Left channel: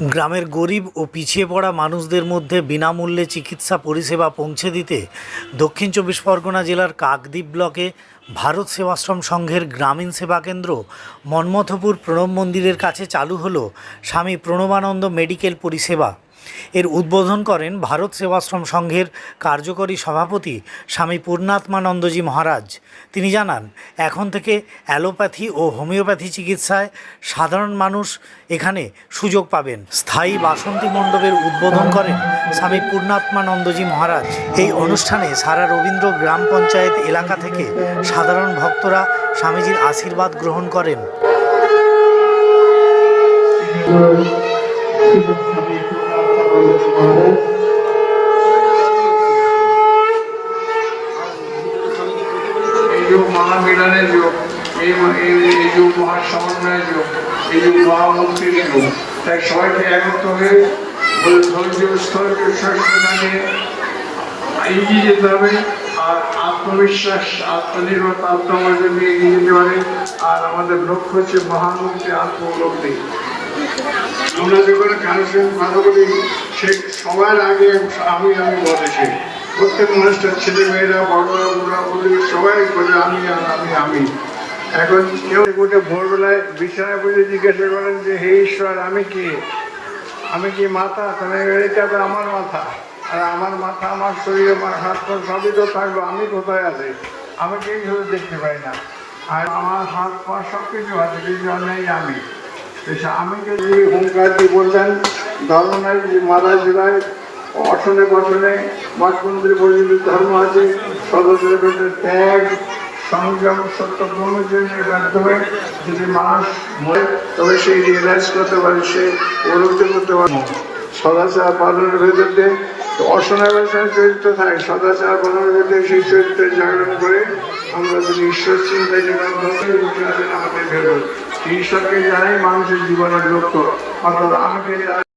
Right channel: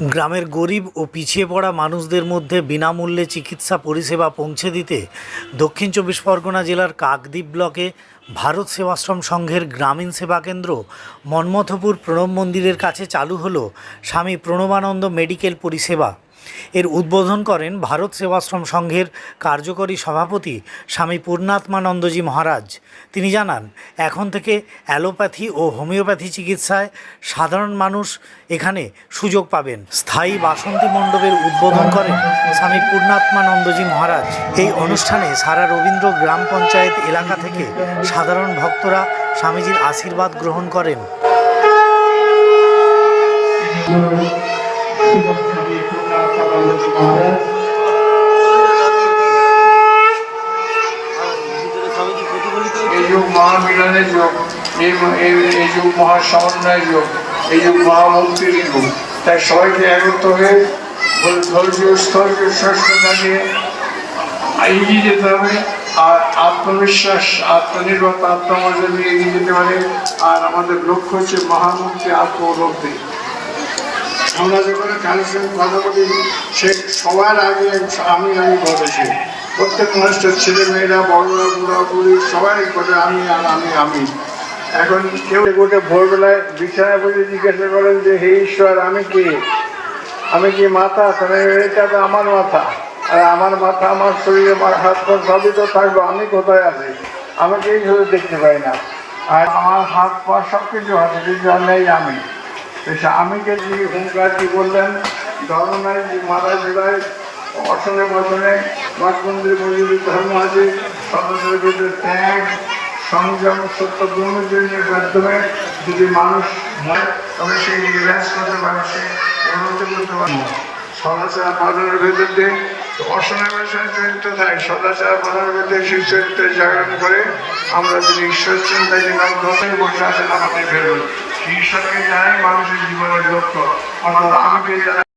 গ্রামের গরিব ও পিছিয়ে পড়া মানুষদের মধ্যে বিনামূল্যে চিকিৎসা পরিষেবা পৌঁছে দিতে দক্ষিণ চব্বিশ পরগনা জেলার কাকদ্বীপ ব্লকে ভারত সেবাশ্রম সংঘের গ্রামীণ সেবা কেন্দ্র মন্মথপুর প্রণব মন্দিরের কাছে চালু হলো স্বামী প্রণবানন্দ মেডিকেল পরিষেবা। এর উদ্বোধন করেন ভারত সেবাশ্রম সংঘের কার্যকরী সভাপতি স্বামী পূর্ণাত্মানন্দজি মহারাজ। তিনি জানান, এখন থেকে অ্যালোপ্যাথি ও হোমিওপ্যাথি চিকিৎসায় সাধারণ মানুষ এখানে সুযোগ পাবেন। স্থায়ী বাসন্তী মণ্ডপের উদ্বোধন করেন স্বামী পূর্ণাত্মানন্দজি মহারাজ। এই অনুষ্ঠানে সারা রবীন্দ্র গ্রাম পঞ্চায়েত এলাকা থেকে সাধারণ ভক্তরা স্বামীজির আশীর্বাদ গ্রহণ করেন। এই যুগ মহামিলনের যুগ, এই যুগ মহাসমন্বয়ের যুগ, এই যুগ মহামুক্তির যুগ। তাই সবাইকে একত্র হয়ে ধৈর্য স্তরকে সঙ্গে এগিয়ে যেতে হবে। আর আত্মবিশ্বাস, আত্মনির্ভর আত্মনির্ভর নিয়ে এগিয়ে যেতে হবে। আর আমাদের লক্ষ্য হচ্ছে মহামুক্তি, আত্মলব্ধি। আমরা যখন কারোর সঙ্গে কথা বলি, সে সবার আগে আমি বলেছি। প্রত্যেক মানুষের ছেলে মেয়েরা, বড়রা, বুড়া বুড়ি সবাই বলে আমি। এখন কেউ গোটে ভোরবেলায় বিছানায় বসে জিজ্ঞাসা করেন যে হে ঈশ্বর, আমি কি মাথা? এটা তো আমার মাথা, আর আমার মাথা, আমার শরীরে, আমার হাত পা সবই তো থাকবো, আমি কোথায় আছি? আমাকে এইভাবে দেখতে পাই না। আর আমার হাত পা সব কিছু আছে, কিন্তু নেই আমি। আমিকে যে হুঙ্কার দিয়ে বললেন, ধর্ম নাই যে মারা জেলায় অসনে বর্ধনে মঠ মন্দির পর্যন্ত ধর্ম আছে। সদস্যদের ত্যাগ, সংযম, সত্য ব্রহ্মচর্যের মাধ্যমে যদি মানুষ মরে, তবে সেই রিয়েলাইজ করতে পারে, সে উপলব্ধি করতে পারে। সদাচার পালনের ভেতরে অসনাবেশন চরিত্র থাকে, সদাচার পালনের ভেতরে সেই চরিত্র জাগরণ করে আমরা যদি ঈশ্বর চিন্তায় যে বসে আসেন আমাদের ভেতর, ঈশ্বরকে জানাই মানুষের জীবনের লক্ষ্য। অর্থাৎ আমাকে